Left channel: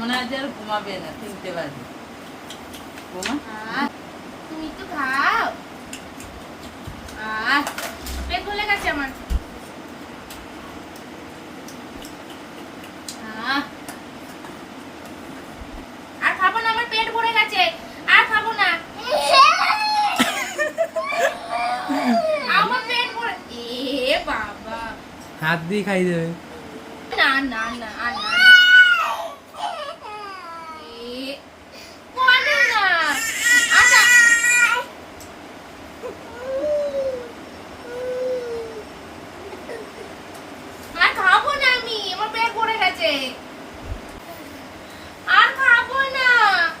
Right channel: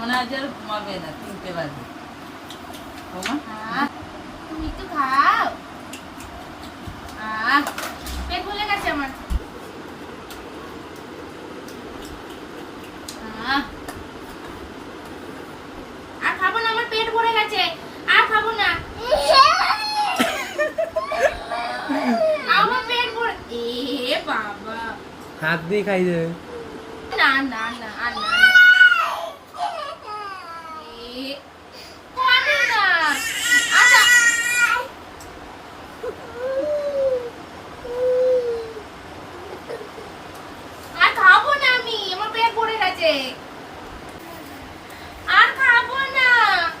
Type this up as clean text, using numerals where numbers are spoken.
মনে হয় যে আর ঘুমাবে না, 3টে বাজে। তুমি তো খাও। পেট ভরে গেছে আমার। আর খাবো না, আমার পেট ভরে গেছে, আর খাবো না। আমার পেট ভরে, এ বাবা হাত দিয়ে খাই দেবে। না না না আর না